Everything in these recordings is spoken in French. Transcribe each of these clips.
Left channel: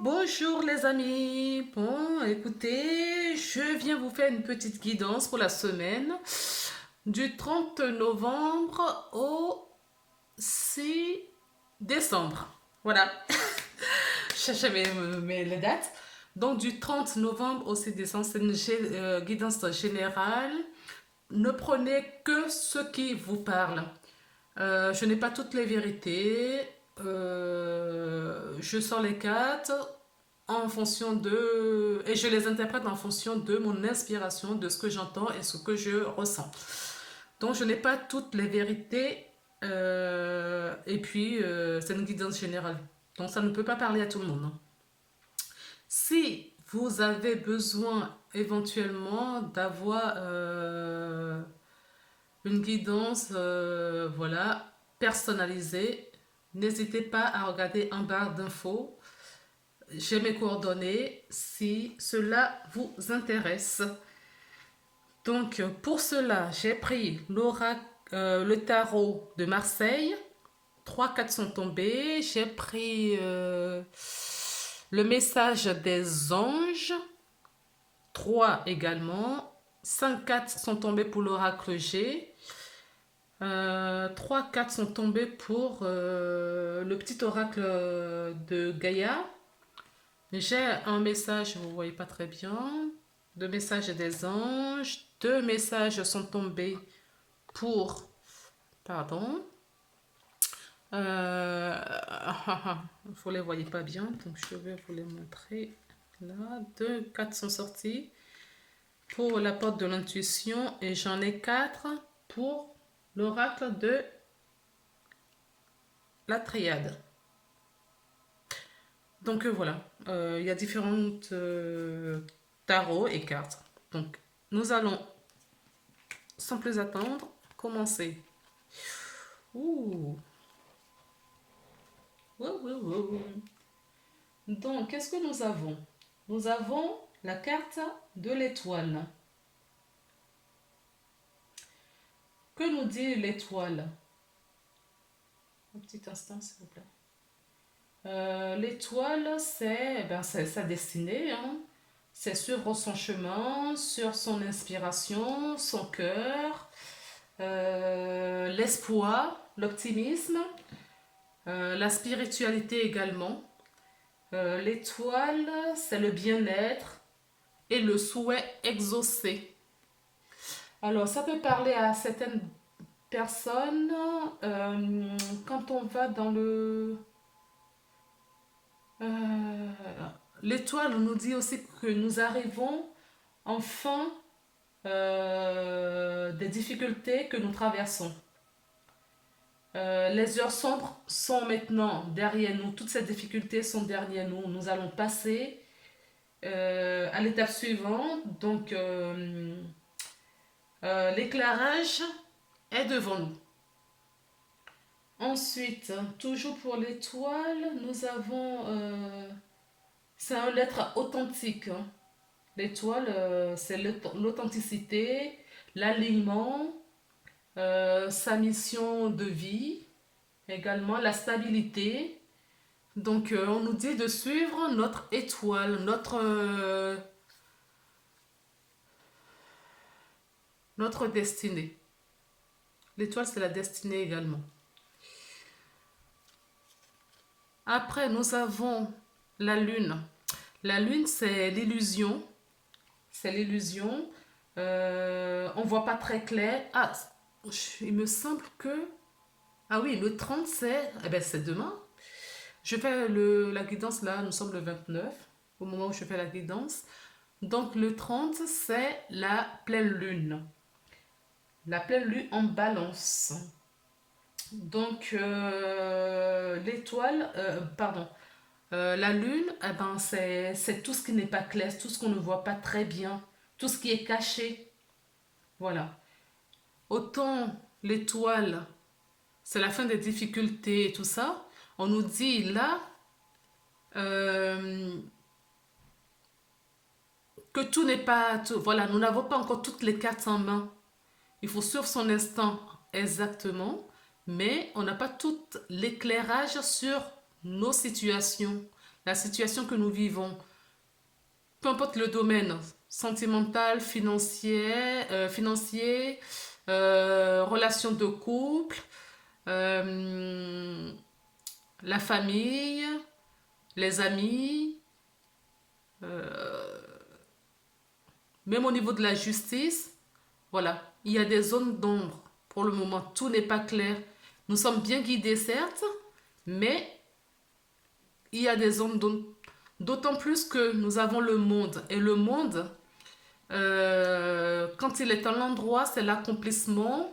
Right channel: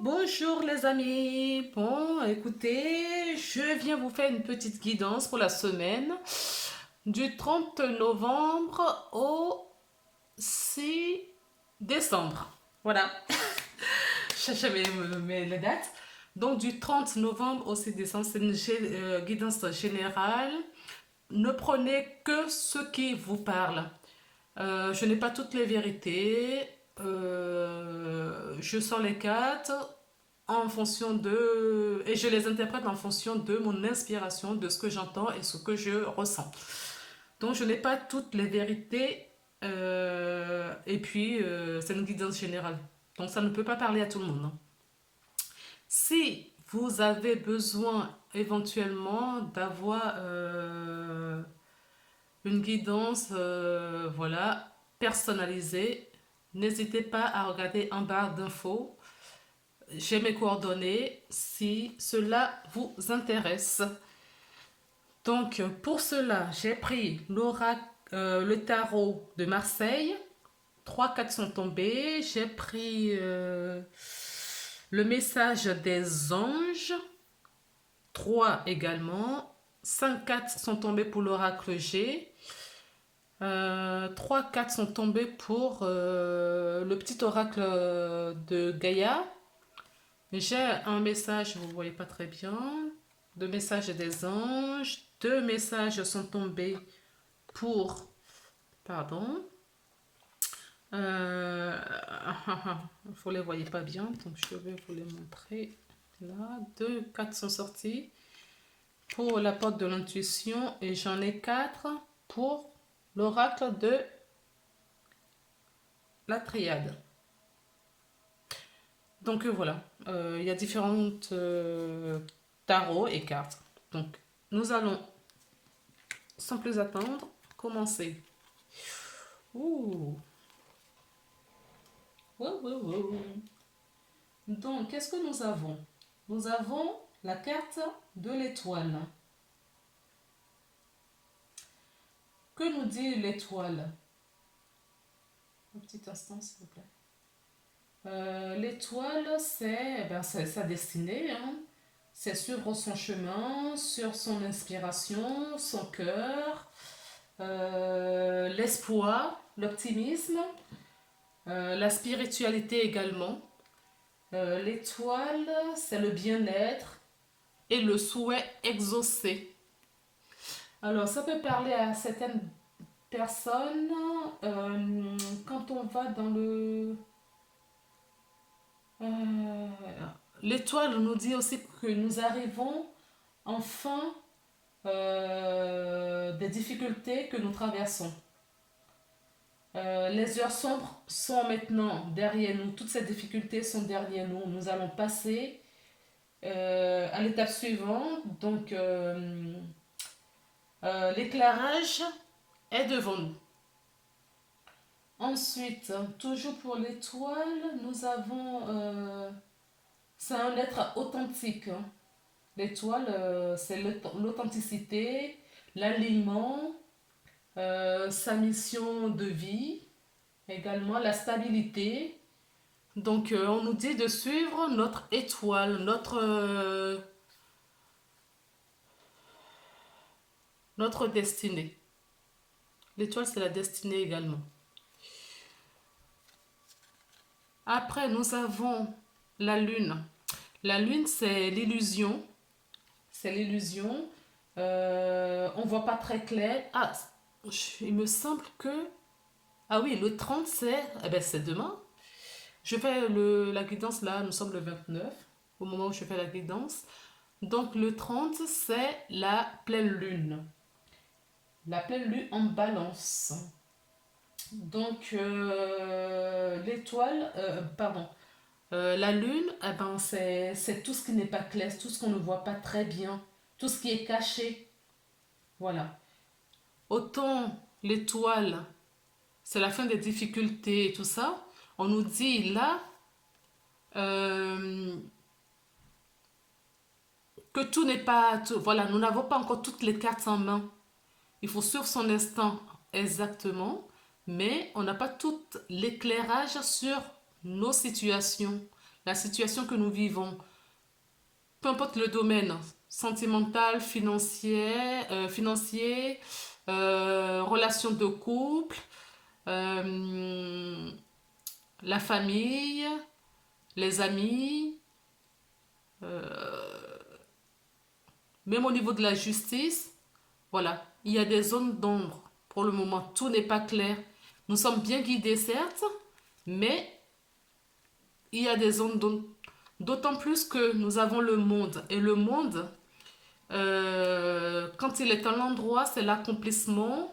Bonjour les amis. Bon, écoutez, je viens vous faire une petite guidance pour la semaine du 30 novembre au 6 décembre. Voilà, je jamais mes les dates. Donc du 30 novembre au 6 décembre, c'est une guidance générale. Ne prenez que ce qui vous parle. Je n'ai pas toutes les vérités. Je sors les cartes en fonction de... Et je les interprète en fonction de mon inspiration, de ce que j'entends et ce que je ressens. Donc je n'ai pas toutes les vérités. Et puis, c'est une guidance générale. Donc ça ne peut pas parler à tout le monde, hein. Si vous avez besoin éventuellement d'avoir une guidance, voilà, personnalisée, n'hésitez pas à regarder en barre d'infos. J'ai mes coordonnées si cela vous intéresse. Donc, pour cela, j'ai pris le tarot de Marseille. 3 cartes sont tombées. J'ai pris le message des anges. 3 également. 5 cartes sont tombées pour l'oracle G. 3 cartes sont tombées pour le petit oracle de Gaïa. J'ai un message, vous ne voyez pas très bien, deux messages des anges. 2 messages sont tombés pour... Pardon. Vous ne les voyez pas bien, donc je vais vous les montrer. Là, 2 cartes sont sorties pour la porte de l'intuition et j'en ai 4 pour l'oracle de la triade. Donc voilà, il y a différentes tarots et cartes. Donc nous allons, sans plus attendre, commencer. Ouh. Ouh, ouh, ouh. Donc, qu'est-ce que nous avons? Nous avons la carte de l'étoile. Que nous dit l'étoile? Un petit instant, s'il vous plaît. L'étoile, c'est sa destinée, hein. C'est suivre son chemin, sur son inspiration, son cœur, l'espoir, l'optimisme, la spiritualité également. L'étoile, c'est le bien-être et le souhait exaucé. Alors, ça peut parler à certaines personnes quand on va dans le... Euh, l'étoile nous dit aussi que nous arrivons en fin des difficultés que nous traversons. Les heures sombres sont maintenant derrière nous. Toutes ces difficultés sont derrière nous. Nous allons passer à l'étape suivante. Donc, l'éclairage est devant nous. Ensuite, toujours pour l'étoile, nous avons... c'est un être authentique, hein. L'étoile, c'est l'authenticité, l'alignement, sa mission de vie, également la stabilité. Donc, on nous dit de suivre notre étoile, notre destinée. L'étoile, c'est la destinée également. Après, nous avons la lune. La lune, c'est l'illusion. C'est l'illusion. On ne voit pas très clair. Ah, il me semble que... Ah oui, le 30, c'est demain. Je fais la guidance là, nous sommes le 29, au moment où je fais la guidance. Donc le 30, c'est la pleine lune. La pleine lune en balance. Donc l'étoile, pardon, la lune, eh ben, c'est tout ce qui n'est pas clair, tout ce qu'on ne voit pas très bien, tout ce qui est caché. Voilà. Autant l'étoile, c'est la fin des difficultés et tout ça. On nous dit là euh, que tout n'est pas... voilà, nous n'avons pas encore toutes les cartes en main. Il faut suivre son instant exactement, mais on n'a pas tout l'éclairage sur nos situations, la situation que nous vivons, peu importe le domaine, sentimental, financier, relation de couple, euh, la famille, les amis, même au niveau de la justice, voilà, il y a des zones d'ombre. Pour le moment, tout n'est pas clair. Nous sommes bien guidés, certes, mais il y a des zones d'ombre. D'autant plus que nous avons le monde. Et le monde, quand il est un endroit, c'est l'accomplissement,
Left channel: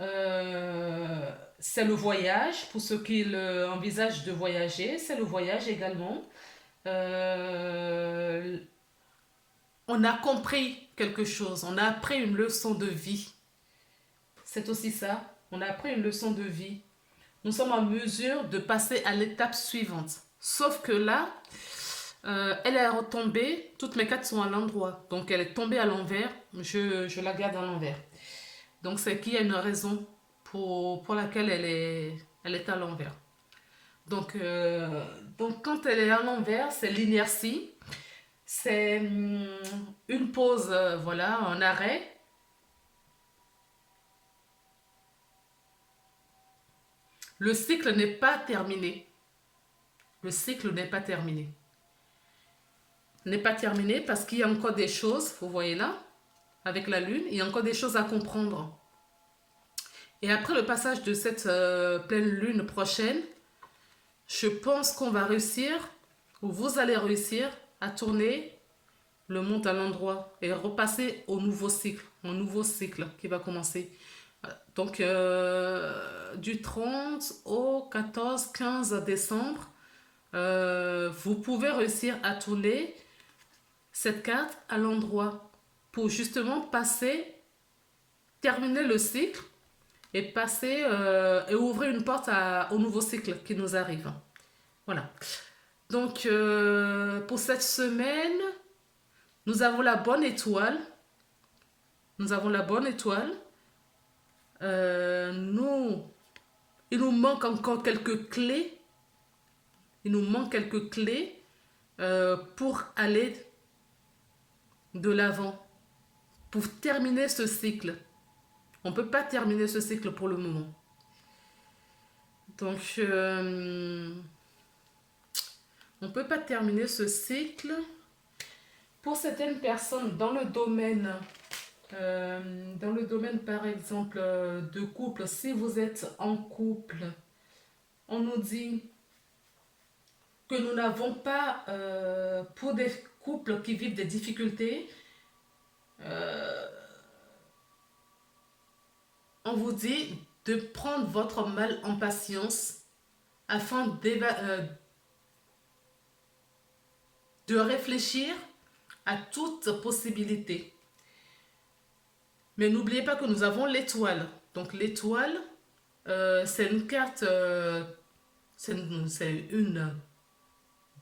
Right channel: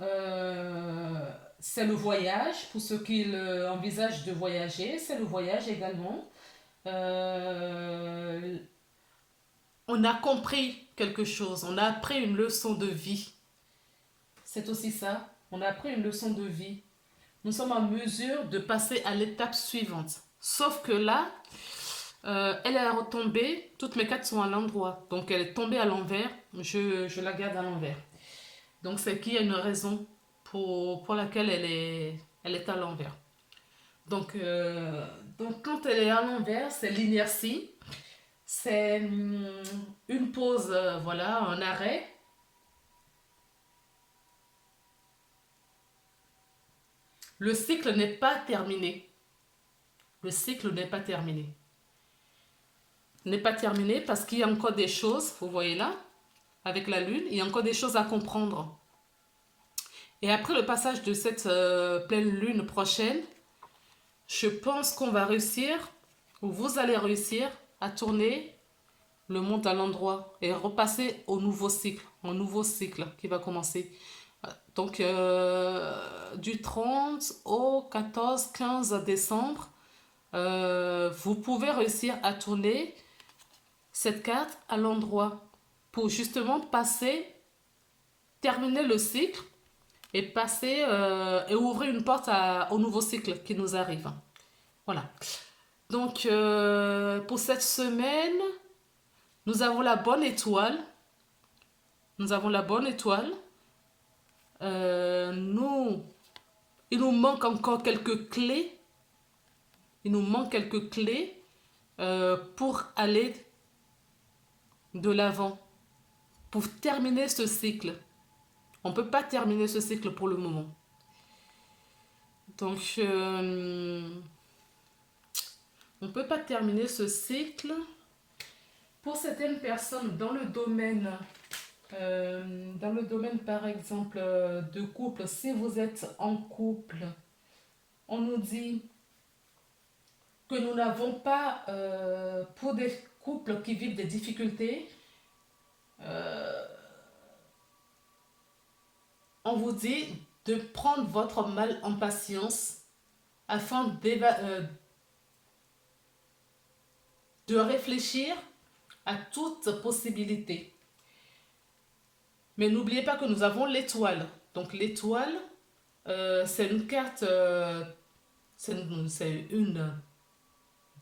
euh, c'est le voyage, pour ceux qui envisagent de voyager, c'est le voyage également. Euh, on a compris quelque chose, on a appris une leçon de vie. C'est aussi ça, on a appris une leçon de vie. Nous sommes en mesure de passer à l'étape suivante. Sauf que là, elle est retombée, toutes mes cartes sont à l'endroit. Donc elle est tombée à l'envers, je la garde à l'envers. Donc c'est qu'il y a une raison pour laquelle elle est à l'envers. Donc, donc quand elle est à l'envers, c'est l'inertie, c'est une pause, voilà, un arrêt. Le cycle n'est pas terminé. Le cycle n'est pas terminé. N'est pas terminé parce qu'il y a encore des choses, vous voyez là, avec la lune, il y a encore des choses à comprendre. Et après le passage de cette pleine lune prochaine, je pense qu'on va réussir, ou vous allez réussir à tourner le monde à l'endroit et repasser au nouveau cycle qui va commencer. Donc du 30 au 14-15 décembre, vous pouvez réussir à tourner cette carte à l'endroit pour justement terminer le cycle et passer et ouvrir une porte au nouveau cycle qui nous arrive. Voilà. Donc pour cette semaine, nous avons la bonne étoile. Nous avons la bonne étoile. Il nous manque encore quelques clés. Il nous manque quelques clés pour aller de l'avant, pour terminer ce cycle. On ne peut pas terminer ce cycle pour le moment. Donc, on ne peut pas terminer ce cycle. Pour certaines personnes dans le domaine par exemple de couple, si vous êtes en couple, on nous dit que nous n'avons pas, pour des couples qui vivent des difficultés, on vous dit de prendre votre mal en patience afin de réfléchir à toute possibilité. Mais n'oubliez pas que nous avons l'étoile. Donc l'étoile, c'est une carte, c'est une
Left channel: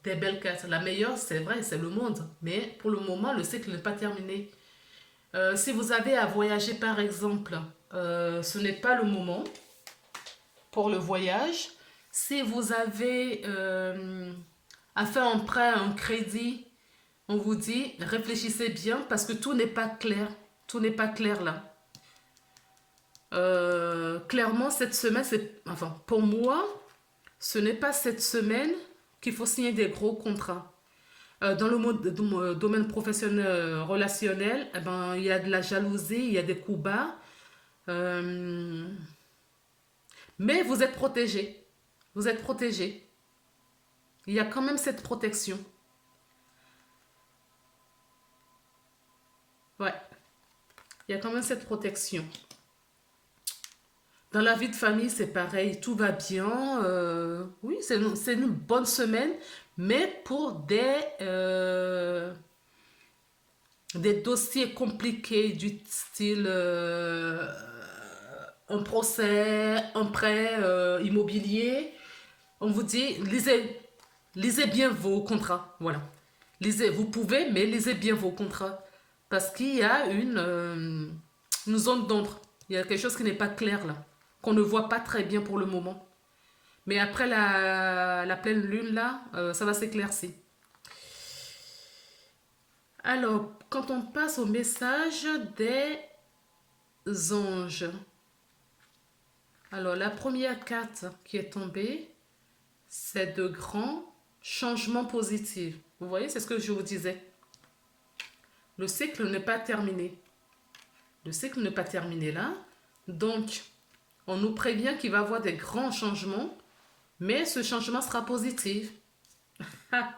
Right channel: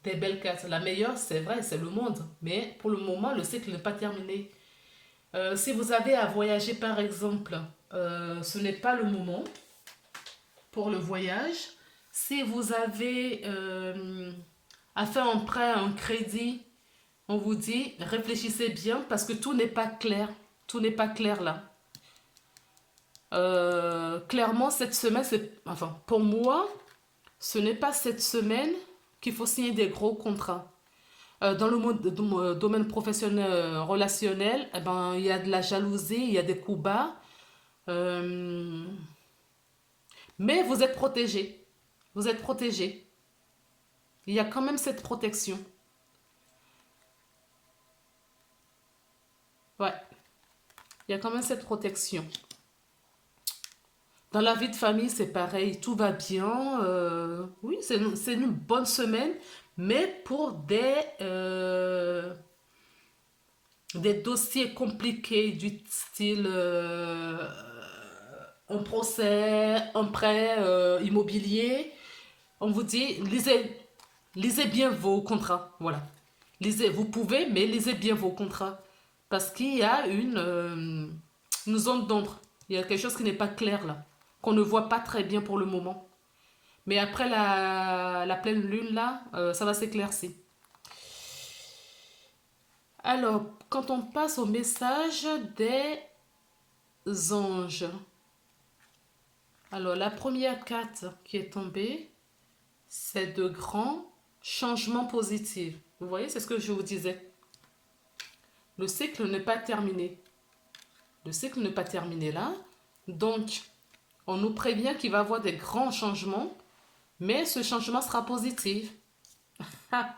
des belles cartes. La meilleure, c'est vrai, c'est le monde. Mais pour le moment, le cycle n'est pas terminé. Si vous avez à voyager, par exemple, ce n'est pas le moment pour le voyage. Si vous avez à faire un prêt, un crédit, on vous dit réfléchissez bien parce que tout n'est pas clair. Tout n'est pas clair là. Clairement, cette semaine, enfin, pour moi, ce n'est pas cette semaine qu'il faut signer des gros contrats. Dans le domaine professionnel, relationnel, eh ben, il y a de la jalousie, il y a des coups bas. Mais vous êtes protégé. Vous êtes protégé. Il y a quand même cette protection. Ouais, il y a quand même cette protection. Dans la vie de famille, c'est pareil, tout va bien. Oui, c'est une bonne semaine, mais pour des dossiers compliqués du style un procès, un prêt immobilier, on vous dit lisez bien vos contrats. Voilà. Lisez, vous pouvez, mais lisez bien vos contrats. Parce qu'il y a une zone d'ombre. Il y a quelque chose qui n'est pas clair là, qu'on ne voit pas très bien pour le moment. Mais après la pleine lune, là, ça va s'éclaircir. Alors, quand on passe au message des anges, alors la première carte qui est tombée, c'est de grands changements positifs. Vous voyez, c'est ce que je vous disais. Le cycle n'est pas terminé. Le cycle n'est pas terminé là. Donc, on nous prévient qu'il va y avoir des grands changements, mais ce changement sera positif. Ah,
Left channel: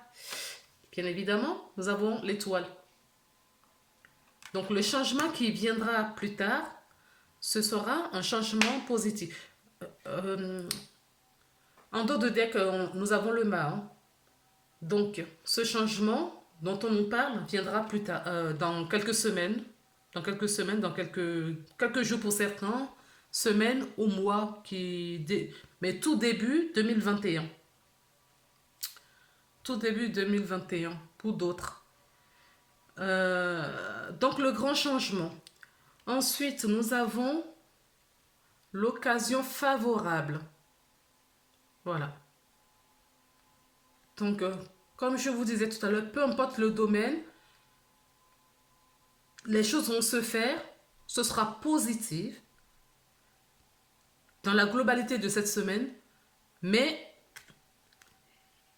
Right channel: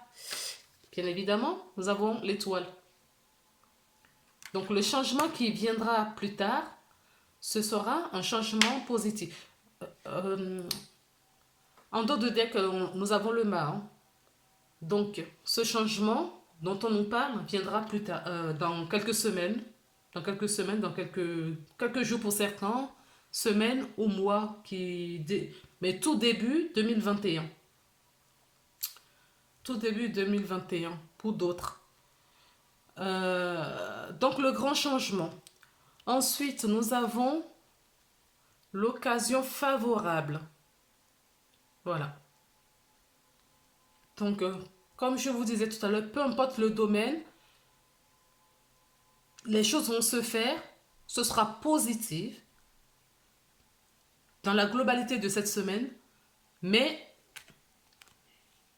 bien évidemment, nous avons l'étoile. Donc, le changement qui viendra plus tard, ce sera un changement positif. En dos de deck, nous avons le mât. Hein. Donc, ce changement dont on nous parle viendra plus tard, dans quelques semaines, dans quelques jours pour certains, semaines ou mois, mais tout début 2021. Tout début 2021 pour d'autres. Donc, le grand changement. Ensuite, nous avons l'occasion favorable. Voilà. Donc, comme je vous disais tout à l'heure, peu importe le domaine, les choses vont se faire, ce sera positif dans la globalité de cette semaine, mais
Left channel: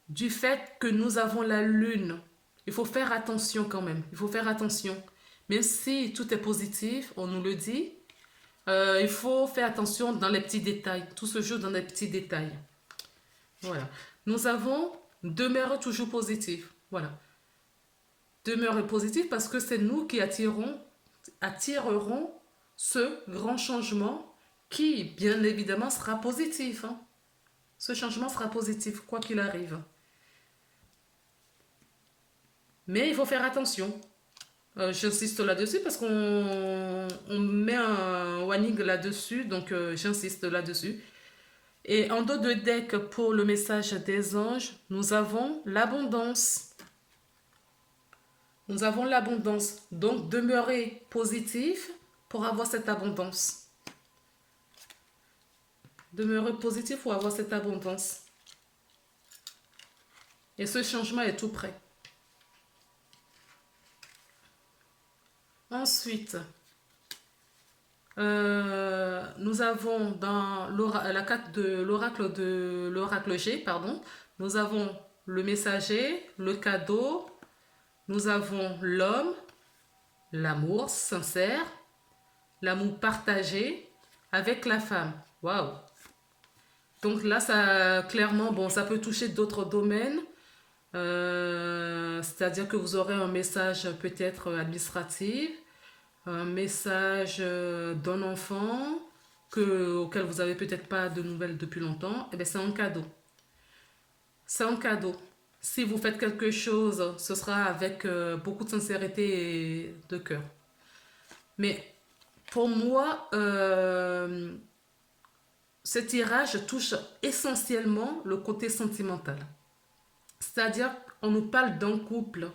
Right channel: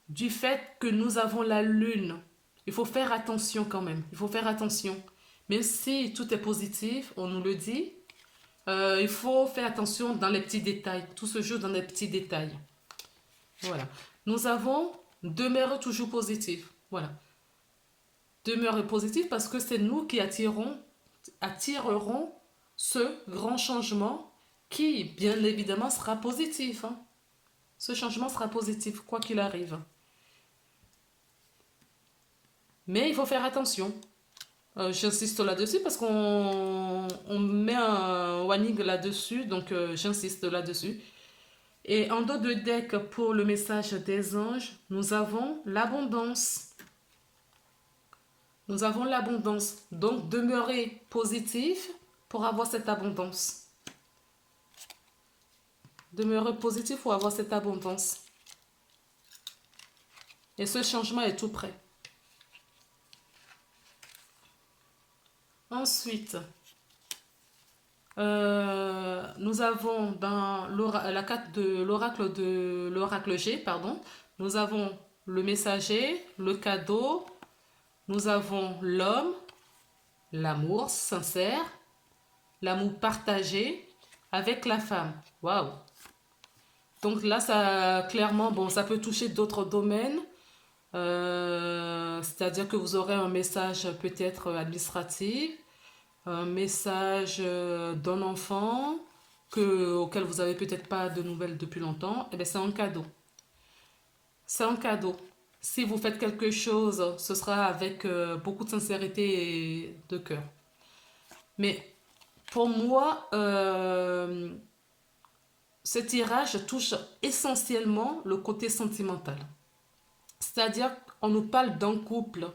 du fait que nous avons la lune, il faut faire attention quand même, il faut faire attention. Même si tout est positif, on nous le dit, il faut faire attention dans les petits détails, tout se joue dans les petits détails. Voilà. Nous avons demeurer toujours positif. Voilà. Demeurer positif parce que c'est nous qui attirerons ce grand changement qui, bien évidemment, sera positif. Hein. Ce changement sera positif, quoi qu'il arrive. Mais il faut faire attention. J'insiste là-dessus parce qu'on met un warning là-dessus, donc j'insiste là-dessus. Et en dos de deck pour le message des anges, nous avons l'abondance. Nous avons l'abondance. Donc, demeurez positif pour avoir cette abondance. Demeurez positif pour avoir cette abondance. Et ce changement est tout prêt. Ensuite, nous avons dans la carte de l'oracle G, pardon, nous avons le messager, le cadeau, nous avons l'homme, l'amour sincère, l'amour partagé avec la femme. Waouh! Donc là, ça clairement, bon, ça peut toucher d'autres domaines. C'est-à-dire que vous aurez un message peut-être administratif, un message d'un enfant auquel vous n'avez peut-être pas de nouvelles depuis longtemps. Eh bien, c'est un cadeau. C'est un cadeau. Si vous faites quelque chose, ce sera avec beaucoup de sincérité et de cœur. Mais pour moi, ce tirage touche essentiellement le côté sentimental. C'est-à-dire qu'on nous parle d'un couple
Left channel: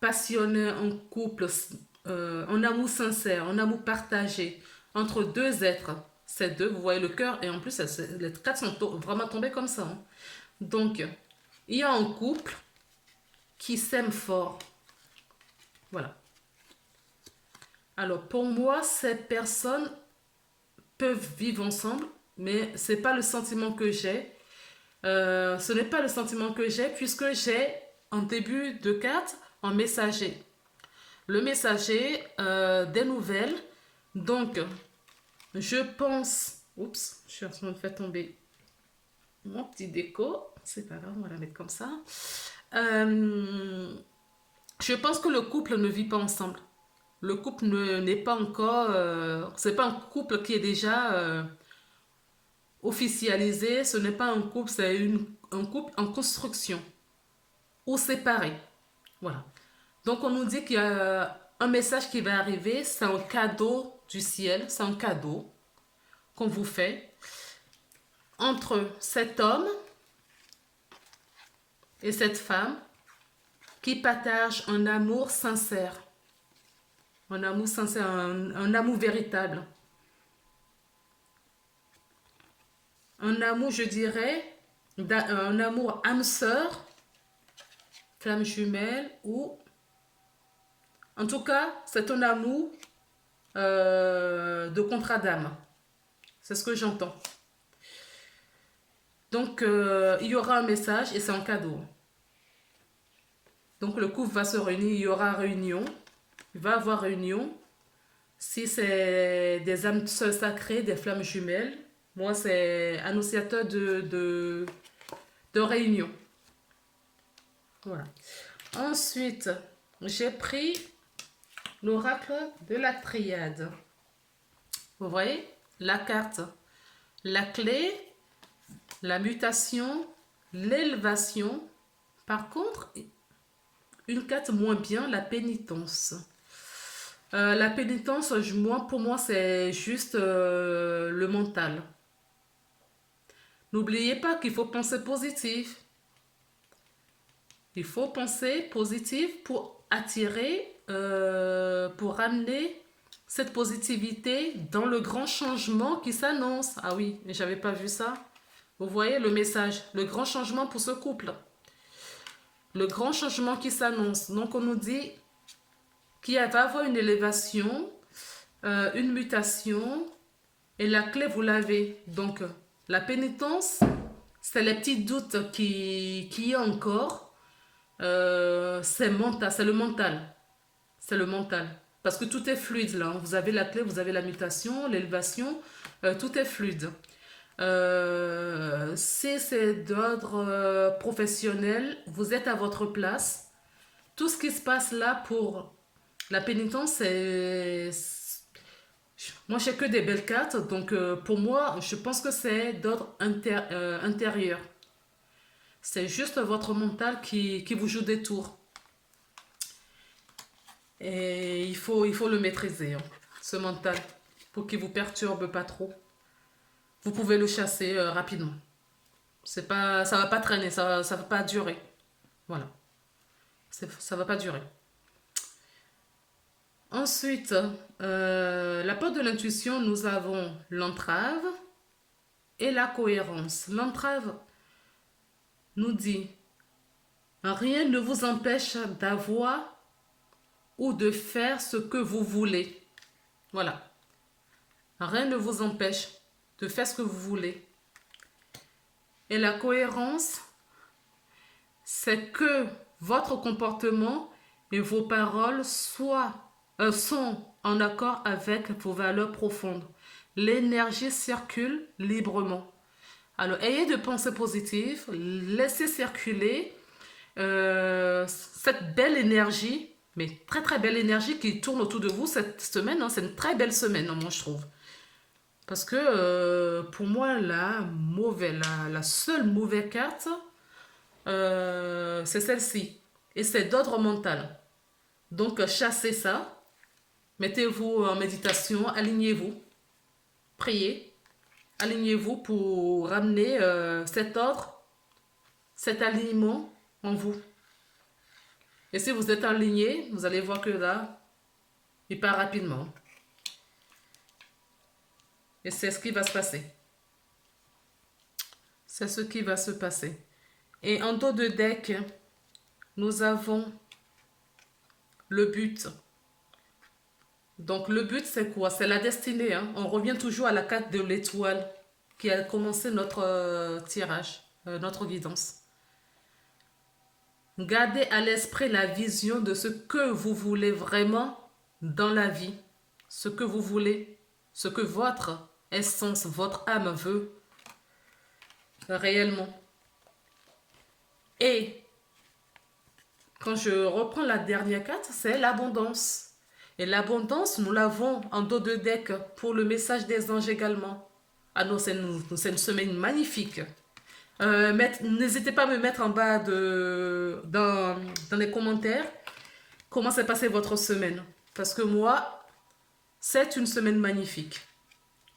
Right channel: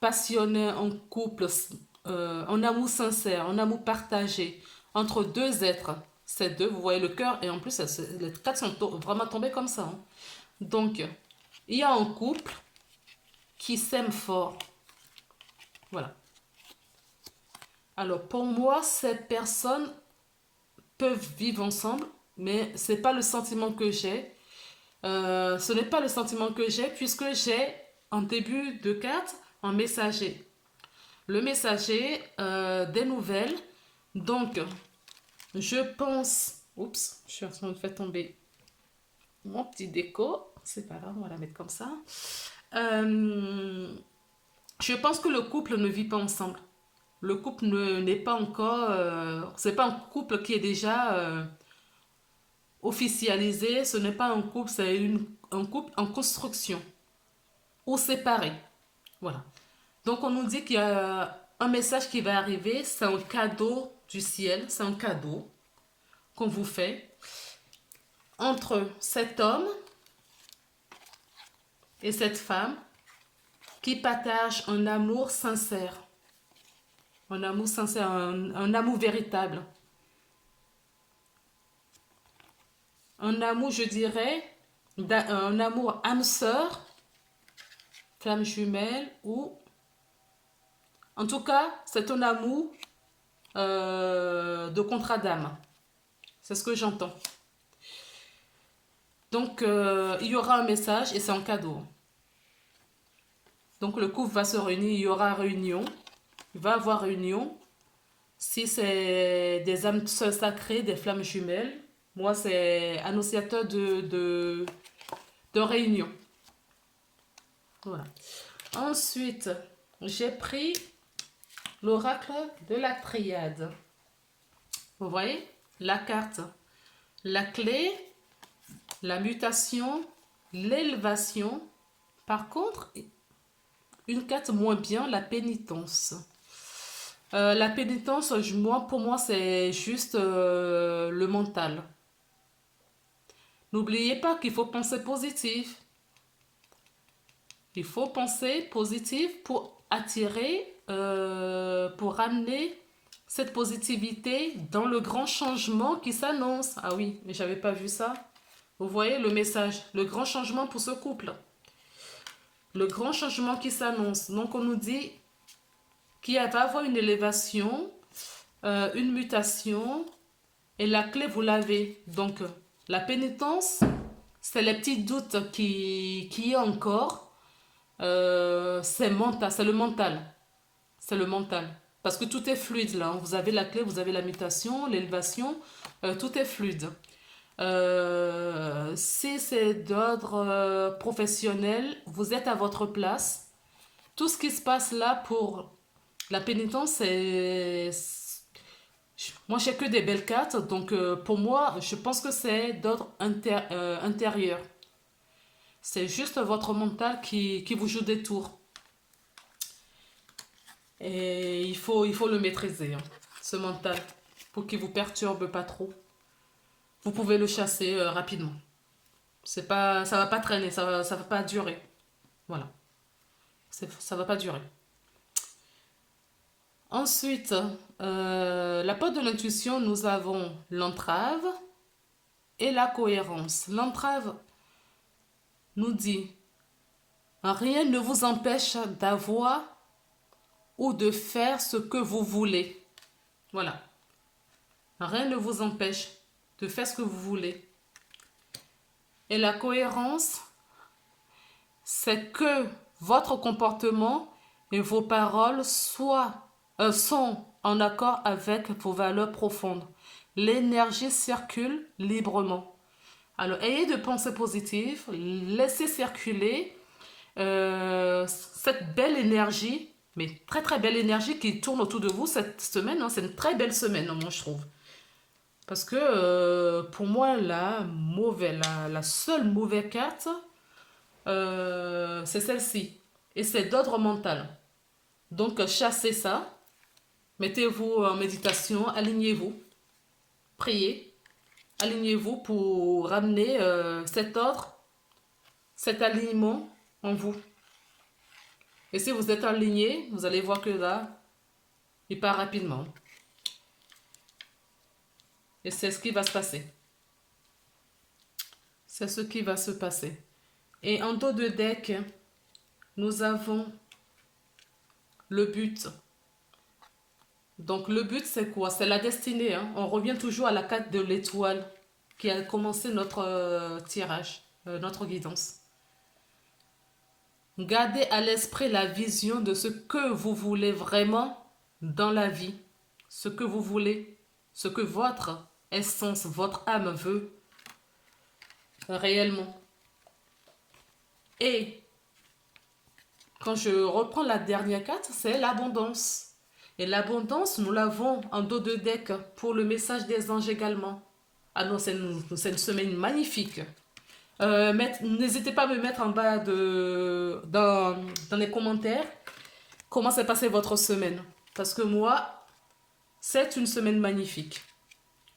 passionné, un couple, un amour sincère, un amour partagé entre deux êtres. Ces deux, vous voyez le cœur, et en plus, les quatre sont vraiment tombés comme ça. Hein. Donc, il y a un couple qui s'aime fort. Voilà. Alors, pour moi, ces personnes peuvent vivre ensemble, mais ce n'est pas le sentiment que j'ai. Ce n'est pas le sentiment que j'ai puisque j'ai en début de carte un messager. Le messager des nouvelles. Donc, je pense... Oups, je suis en train de faire tomber mon petit déco. C'est pas grave, on va la mettre comme ça. Je pense que le couple ne vit pas ensemble. Le couple n'est pas encore... c'est pas un couple qui est déjà officialisé. Ce n'est pas un couple, c'est un couple en construction ou séparé. Voilà. Donc, on nous dit qu'il y a un message qui va arriver. C'est un cadeau du ciel. C'est un cadeau qu'on vous fait entre cet homme et cette femme qui partagent un amour sincère. Un amour sincère, un amour véritable. un amour, je dirais, un amour âme sœur, flamme jumelle, ou en tout cas, c'est un amour de contrat d'âme. C'est ce que j'entends. Donc, il y aura un message et c'est un cadeau. Donc, le couple va se réunir, il y aura réunion. Il va y avoir réunion. Si c'est des âmes sœurs sacrées, des flammes jumelles, moi, c'est annonciateur de réunion. Voilà. Ensuite, j'ai pris l'oracle de la triade. Vous voyez la carte, la clé, la mutation, l'élévation. Par contre, une carte moins bien, la pénitence. La pénitence, pour moi, c'est juste le mental. N'oubliez pas qu'il faut penser positif. Il faut penser positif pour attirer, pour ramener cette positivité dans le grand changement qui s'annonce. Ah oui, mais j'avais pas vu ça. Vous voyez le message, le grand changement pour ce couple. Le grand changement qui s'annonce. Donc on nous dit qu'il va y avoir une élévation, une mutation, et la clé, vous l'avez. Donc la pénitence, c'est les petits doutes qui y a encore. C'est mental, c'est le mental. C'est le mental. Parce que tout est fluide là. Vous avez la clé, vous avez la mutation, l'élévation, tout est fluide. Si c'est d'ordre professionnel, vous êtes à votre place. Tout ce qui se passe là pour la pénitence, c'est... Moi, j'ai que des belles cartes. Donc, pour moi, je pense que c'est d'ordre intérieur. C'est juste votre mental qui vous joue des tours. Et il faut le maîtriser, hein, ce mental, pour qu'il ne vous perturbe pas trop. Vous pouvez le chasser rapidement. Ça ne va pas traîner, ça ne va pas durer. Voilà. Ça ne va pas durer. Ensuite, la porte de l'intuition, nous avons l'entrave et la cohérence. L'entrave nous dit, rien ne vous empêche d'avoir ou de faire ce que vous voulez. Voilà. Rien ne vous empêche de faire ce que vous voulez. Et la cohérence, c'est que votre comportement et vos paroles sont en accord avec vos valeurs profondes. L'énergie circule librement. Alors, ayez de pensées positives, laissez circuler cette belle énergie, mais très très belle énergie qui tourne autour de vous cette semaine. Hein, c'est une très belle semaine, hein, moi je trouve. Parce que pour moi, la seule mauvaise carte, c'est celle-ci. Et c'est d'ordre mental. Donc chassez ça. Mettez-vous en méditation, alignez-vous. Priez. Alignez-vous pour ramener cet ordre, cet alignement en vous. Et si vous êtes aligné, vous allez voir que là, il part rapidement. Et c'est ce qui va se passer. C'est ce qui va se passer. Et en dos de deck, nous avons le but. Donc le but, c'est quoi? C'est la destinée. Hein. On revient toujours à la carte de l'étoile qui a commencé notre tirage, notre guidance. Gardez à l'esprit la vision de ce que vous voulez vraiment dans la vie. Ce que vous voulez, ce que votre essence, votre âme veut réellement. Et quand je reprends la dernière carte, c'est l'abondance. Et l'abondance, nous l'avons en dos de deck pour le message des anges également. Ah non, c'est une semaine magnifique. N'hésitez pas à me mettre en bas dans les commentaires comment s'est passée votre semaine. Parce que moi, c'est une semaine magnifique.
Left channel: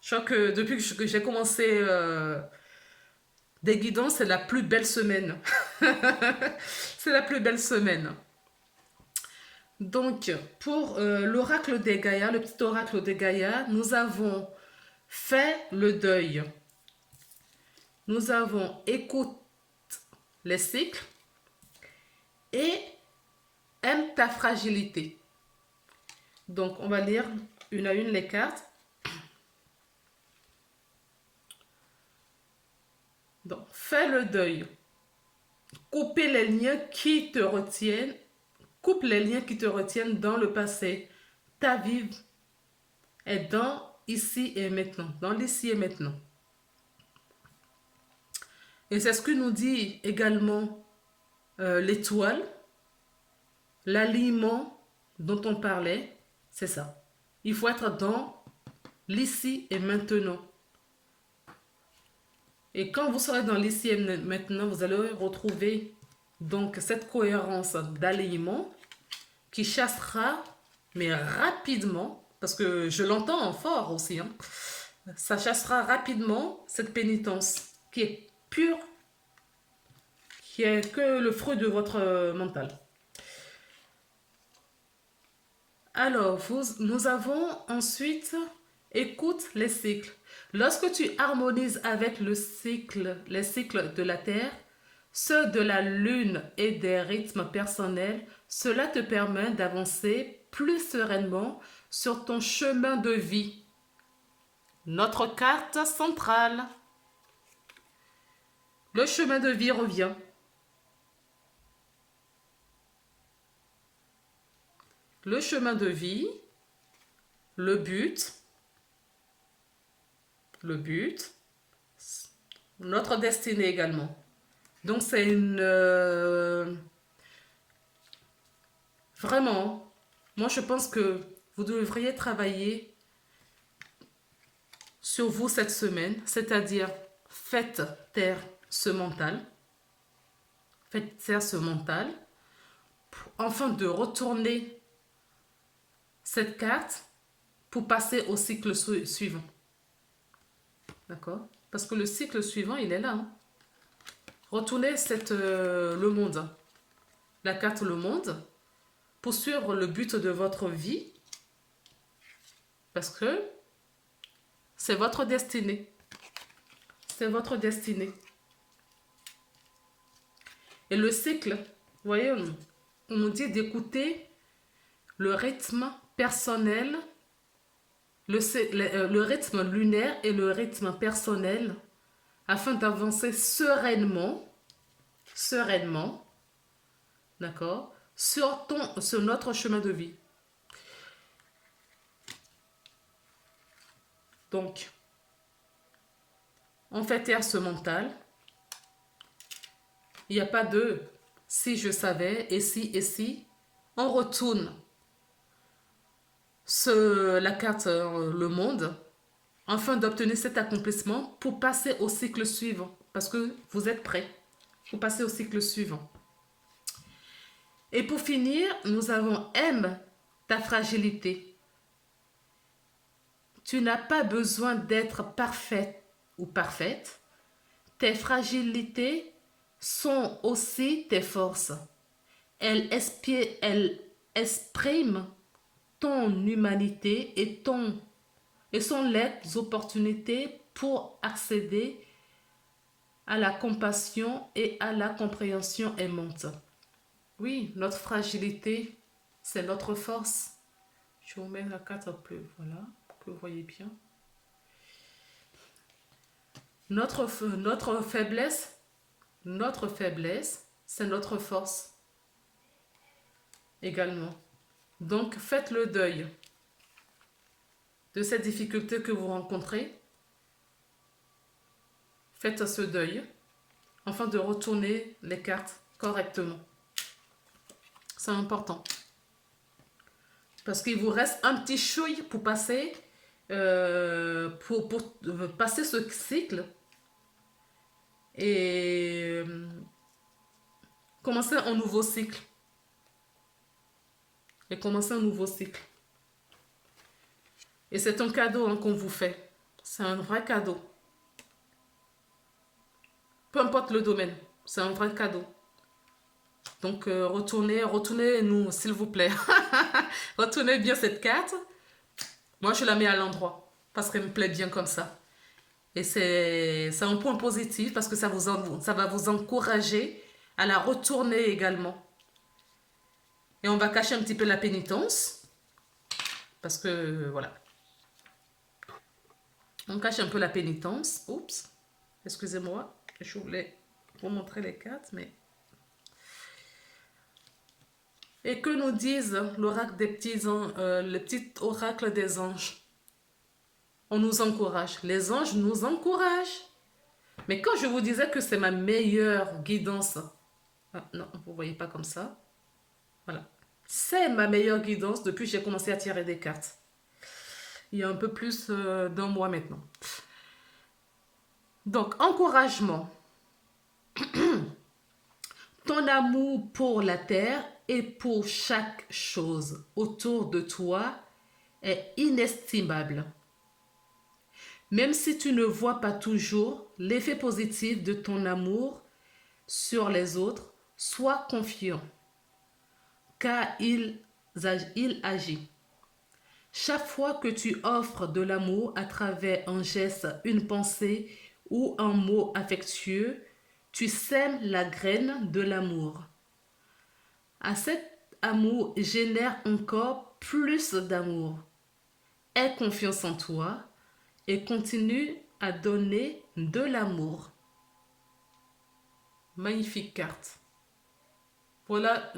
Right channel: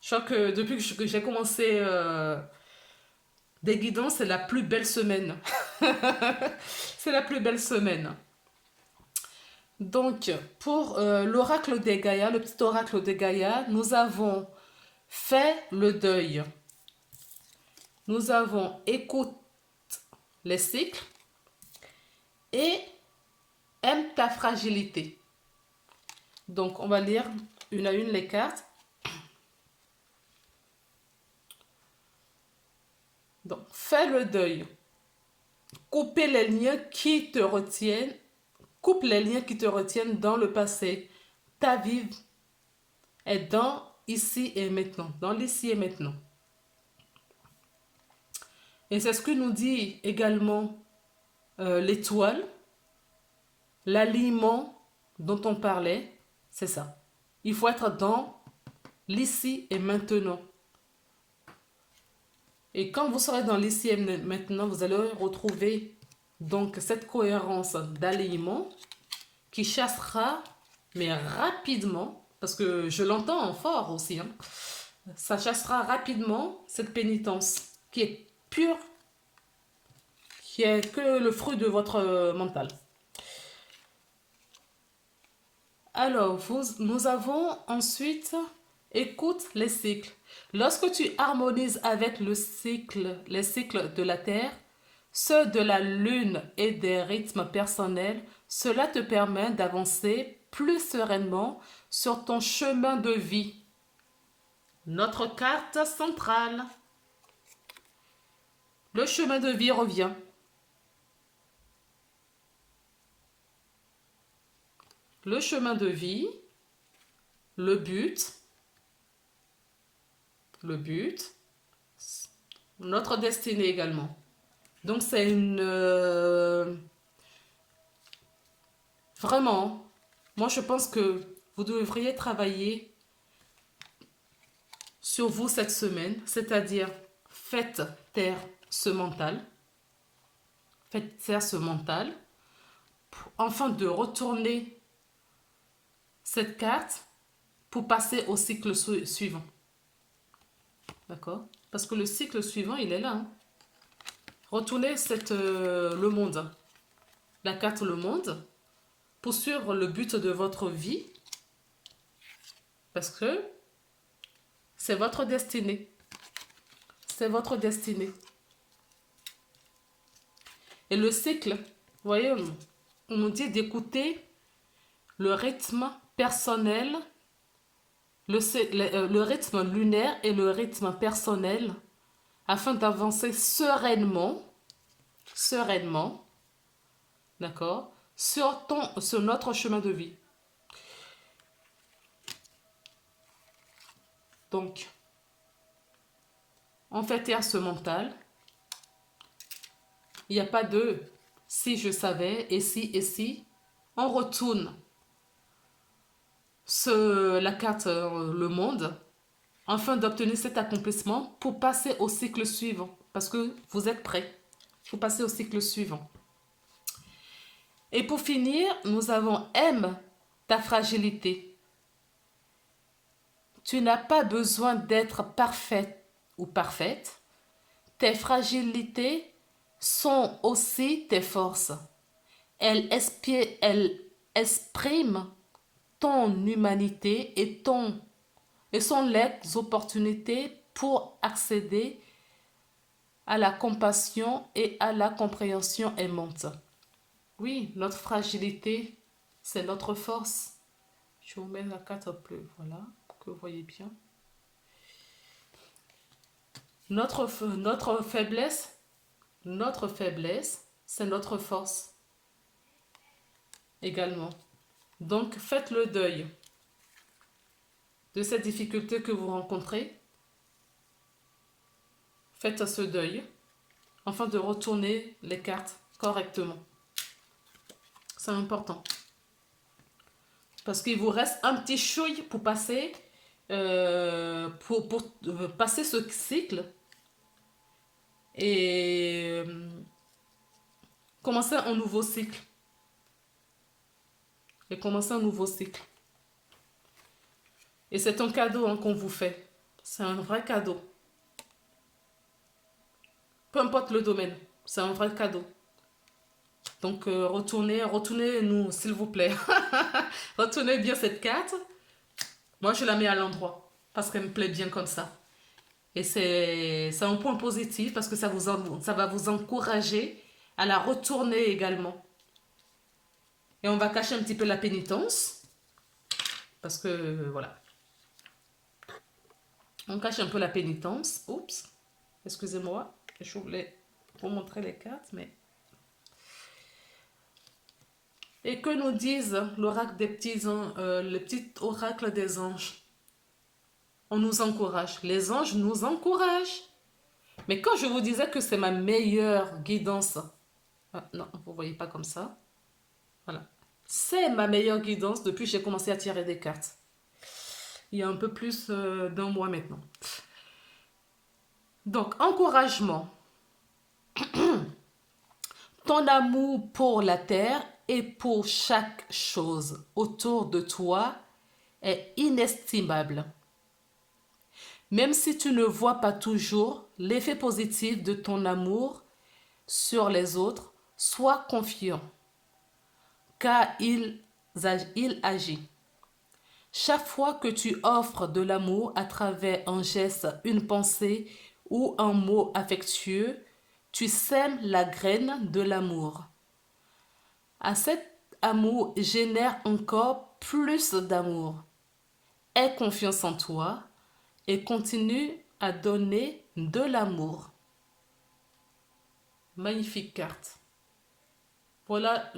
Je crois que depuis que j'ai commencé des guidances, c'est la plus belle semaine. C'est la plus belle semaine. Donc, pour l'oracle des Gaïa, le petit oracle des Gaïa, nous avons fait le deuil. Nous avons écoute les cycles et aime ta fragilité. Donc, on va lire une à une les cartes. Donc, fais le deuil. Couper les liens qui te retiennent. Coupe les liens qui te retiennent dans le passé. Ta vie est dans ici et maintenant. Dans l'ici et maintenant. Et c'est ce que nous dit également l'étoile. L'alignement dont on parlait, c'est ça. Il faut être dans l'ici et maintenant. Et quand vous serez dans l'ici et maintenant, vous allez retrouver donc cette cohérence d'alignement qui chassera, mais rapidement, parce que je l'entends fort aussi, hein, ça chassera rapidement cette pénitence qui est pure, qui est que le fruit de votre mental. Alors, nous avons ensuite, écoute les cycles. Lorsque tu harmonises avec les cycles de la Terre, ceux de la Lune et des rythmes personnels, cela te permet d'avancer plus sereinement sur ton chemin de vie. Notre carte centrale. Le chemin de vie revient. Le chemin de vie, le but, notre destinée également. Donc c'est vraiment, moi je pense que vous devriez travailler sur vous cette semaine, c'est-à-dire faites taire ce mental, afin de retourner cette carte pour passer au cycle suivant. D'accord? Parce que le cycle suivant, il est là. Hein? Retournez le monde, la carte le monde, pour suivre le but de votre vie. Parce que c'est votre destinée. C'est votre destinée. Et le cycle, vous voyez, on nous dit d'écouter le rythme personnel, le rythme lunaire et le rythme personnel afin d'avancer sereinement, d'accord, sur notre chemin de vie. Donc, on fait taire ce mental. Il n'y a pas de si je savais, et si. On retourne la carte le monde afin d'obtenir cet accomplissement pour passer au cycle suivant. Parce que vous êtes prêts pour passer au cycle suivant. Et pour finir, nous avons aime ta fragilité. Tu n'as pas besoin d'être parfaite ou parfaite. Tes fragilités sont aussi tes forces. Elles expriment ton humanité et sont les opportunités pour accéder à la compassion et à la compréhension aimante. Oui, notre fragilité, c'est notre force. Je vous mets la carte un peu, voilà, pour que vous voyez bien. Notre faiblesse, c'est notre force également. Donc, faites le deuil de cette difficulté que vous rencontrez. Faites ce deuil afin de retourner les cartes correctement. C'est important. Parce qu'il vous reste un petit chouille pour passer, passer ce cycle et commencer un nouveau cycle. Et c'est un cadeau hein, qu'on vous fait. C'est un vrai cadeau. Peu importe le domaine, c'est un vrai cadeau. Donc, retournez-nous, s'il vous plaît. Retournez bien cette carte. Moi, je la mets à l'endroit parce qu'elle me plaît bien comme ça. Et c'est un point positif parce que ça va vous encourager à la retourner également. Et on va cacher un petit peu la pénitence parce que voilà, on cache un peu la pénitence. Oups, excusez-moi, je voulais vous montrer les cartes, mais... Et que nous disent l'oracle des petits anges, le petit oracle des anges? On nous encourage. Les anges nous encouragent. Mais quand je vous disais que c'est ma meilleure guidance, ah, non, vous ne voyez pas comme ça. Voilà. C'est ma meilleure guidance depuis que j'ai commencé à tirer des cartes. Il y a un peu plus d'un mois maintenant. Donc, encouragement. Ton amour pour la terre et pour chaque chose autour de toi est inestimable. Même si tu ne vois pas toujours l'effet positif de ton amour sur les autres, sois confiant, car il agit. Chaque fois que tu offres de l'amour à travers un geste, une pensée ou un mot affectueux, tu sèmes la graine de l'amour. À cet amour génère encore plus d'amour. Aie confiance en toi et continue à donner de l'amour. Magnifique carte. Voilà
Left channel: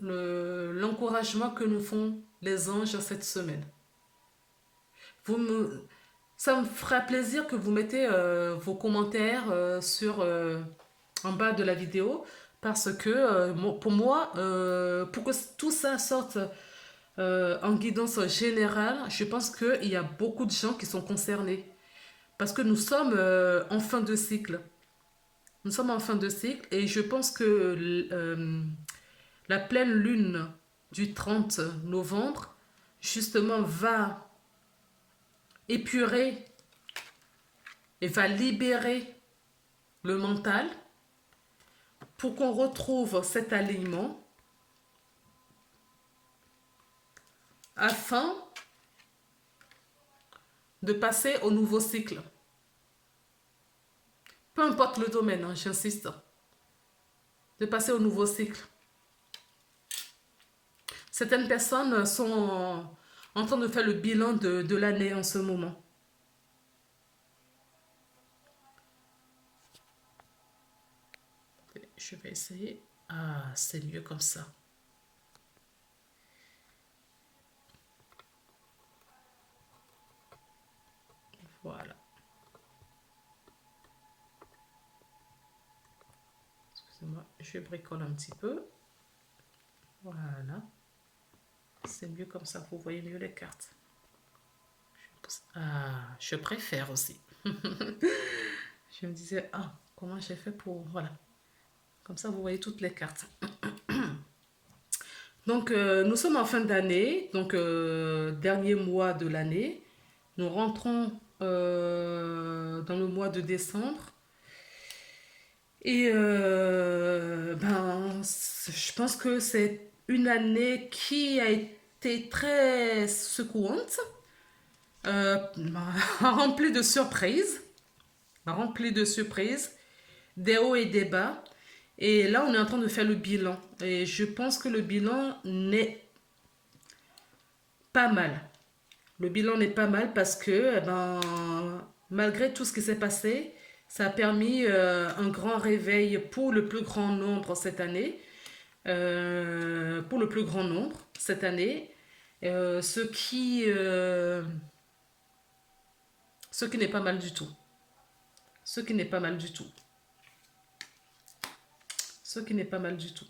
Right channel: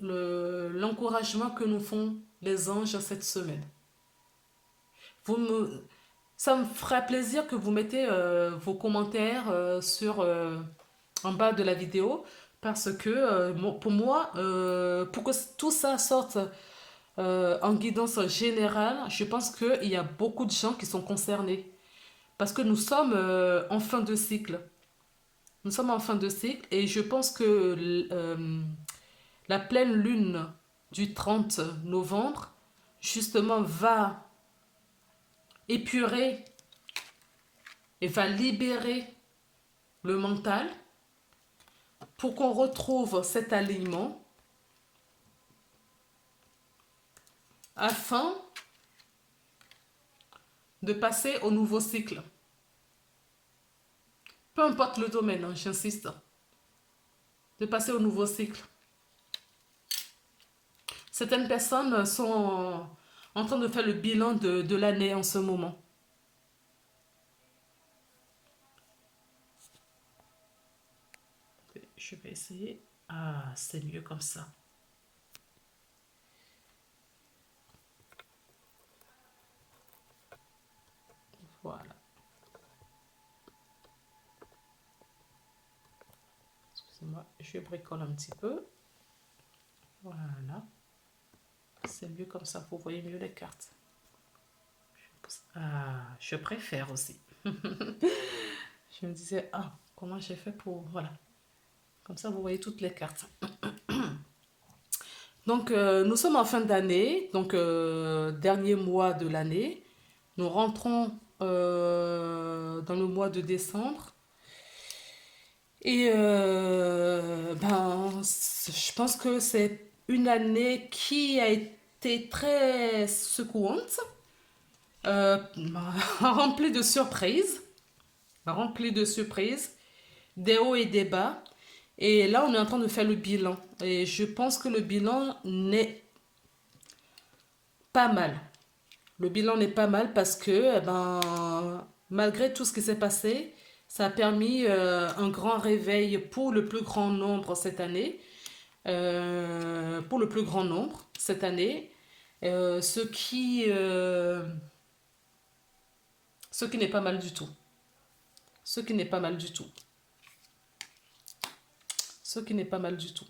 l'encouragement que nous font les anges cette semaine. Ça me fera plaisir que vous mettez vos commentaires en bas de la vidéo parce que pour moi, pour que tout ça sorte en guidance générale, je pense qu'il y a beaucoup de gens qui sont concernés parce que nous sommes en fin de cycle. Nous sommes en fin de cycle et je pense que la pleine lune du 30 novembre, justement, va épurer et va libérer le mental pour qu'on retrouve cet alignement afin de passer au nouveau cycle. Peu importe le domaine, hein, j'insiste, de passer au nouveau cycle. Certaines personnes sont en train de faire le bilan de l'année en ce moment. Je vais essayer. Ah, c'est mieux comme ça. Voilà. Excusez-moi, je bricole un petit peu. Voilà. C'est mieux comme ça, vous voyez mieux les cartes. Ah, je préfère aussi. Je me disais, ah, comment j'ai fait pour... Voilà. Comme ça, vous voyez toutes les cartes. Donc, nous sommes en fin d'année, donc dernier mois de l'année. Nous rentrons dans le mois de décembre. Et je pense que c'est une année qui a été très secouante, remplie de surprises, des hauts et des bas. Et là, on est en train de faire le bilan. Et je pense que le bilan n'est pas mal. Le bilan n'est pas mal parce que, malgré tout ce qui s'est passé, ça a permis un grand réveil pour le plus grand nombre cette année. Pour le plus grand nombre cette année. Ce qui n'est pas mal du tout. Ce qui n'est pas mal du tout. Ce qui n'est pas mal du tout.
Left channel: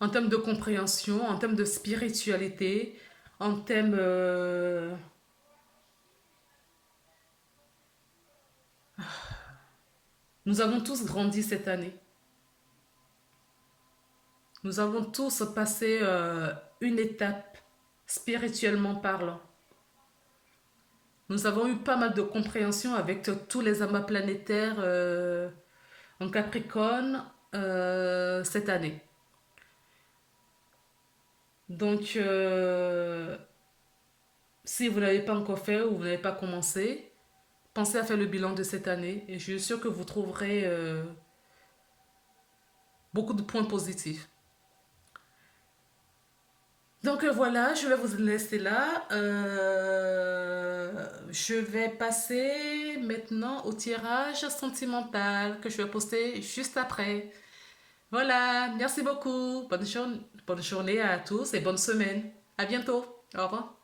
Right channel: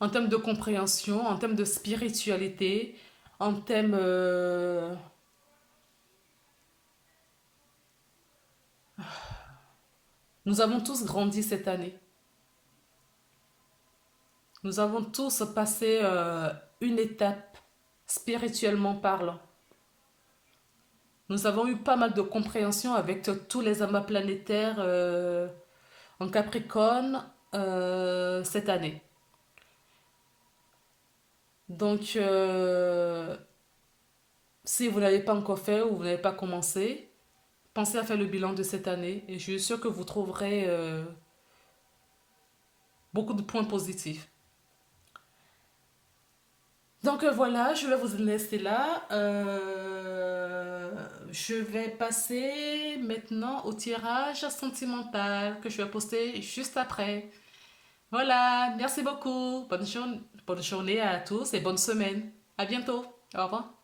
En termes de compréhension, en termes de spiritualité, en termes... Nous avons tous grandi cette année. Nous avons tous passé une étape spirituellement parlant. Nous avons eu pas mal de compréhension avec tous les amas planétaires en Capricorne cette année. Donc, Si vous n'avez pas encore fait ou vous n'avez pas commencé, pensez à faire le bilan de cette année et je suis sûre que vous trouverez beaucoup de points positifs. Donc voilà, je vais vous laisser là. Je vais passer maintenant au tirage sentimental que je vais poster juste après. Voilà, merci beaucoup. Bonne journée à tous et bonne semaine. À bientôt. Au revoir.